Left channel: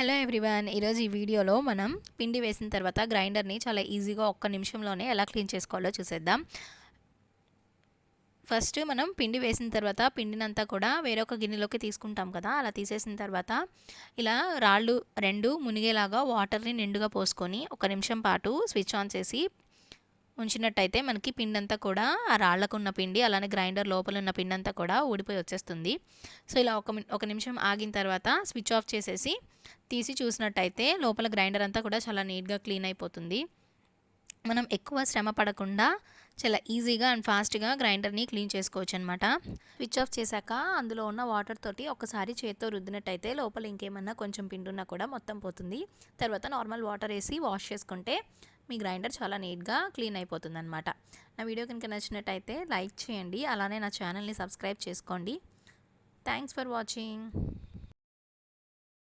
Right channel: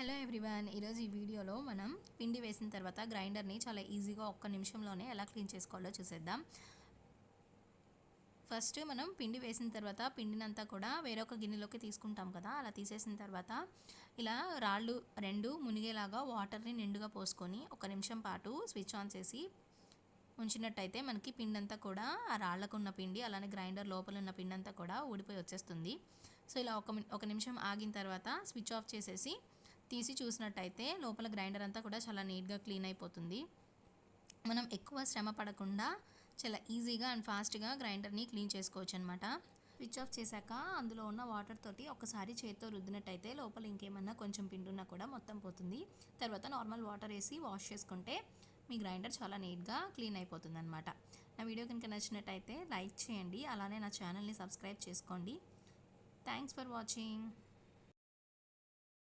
Hello everyone, ఈరోజు ఈ వీడియోలో మనం పిండి వేసిన తర్వాత గ్రైండర్ని చాలా ఈజీగా ఒక్క నిమిషంలోనే ఎలా క్లీన్ చేసుకోవాలో చూసేద్దాం. ఫస్ట్ మనం పిండి వేసిన తర్వాత పిండినంతా కూడా వేరొక గిన్నెలోకి తీసుకుంటాం కదా. అలా తీసేసిన తర్వాత ఇలా రాళ్ళు రెండు మునిగేలాగా వాటర్ని నిండుగా పోసుకొని ఒక నిమిషం పాటు స్విచ్ ఆన్ చేసి ఉంచినట్టయితే మనకి పిండి అంతా కూడా ఆ రాళ్ళకు ఉన్న పిండి అలానే గ్రైండర్ లోపల ఉన్న పిండి అంతా కూడా ఊడిపోయి వచ్చేస్తుంది. సో ఇలా ఒక నిమిషం ఆగిన తర్వాత స్విచ్ ఆఫ్ చేసేసి తీసి చూసినట్టయితే లోపల గ్రైండర్ అంతా కూడా చాలా నీట్గా క్లీన్ అయిపోతుంది. మనం ఎక్కువ శ్రమ పడకుండా చాలా ఈజీగా అండ్ ఫాస్ట్గా గ్రైండర్ని క్లీన్ చేసుకోవచ్చు అనమాట. స్విచ్ ఆఫ్ చేశాక అందులో ఉన్న వాటర్ తోటి ఒకసారి చేత్తో రుద్దినట్టయితే లోపల ఇంకేమన్నా కొంచెం పిండి ఉన్నా కూడా మొత్తం పోతుంది. తర్వాత నార్మల్ వాటర్ వేసి వాష్ చేసుకుంటే మీ గ్రైండర్ చాలా నీట్గా క్లీన్ అయిపోతుంది అనమాట. నా వీడియో కనుక నచ్చినట్టయితే లైక్ చేయండి, అలానే నా ఛానల్ని సబ్స్క్రైబ్ చేసుకోండి. Thanks for watching.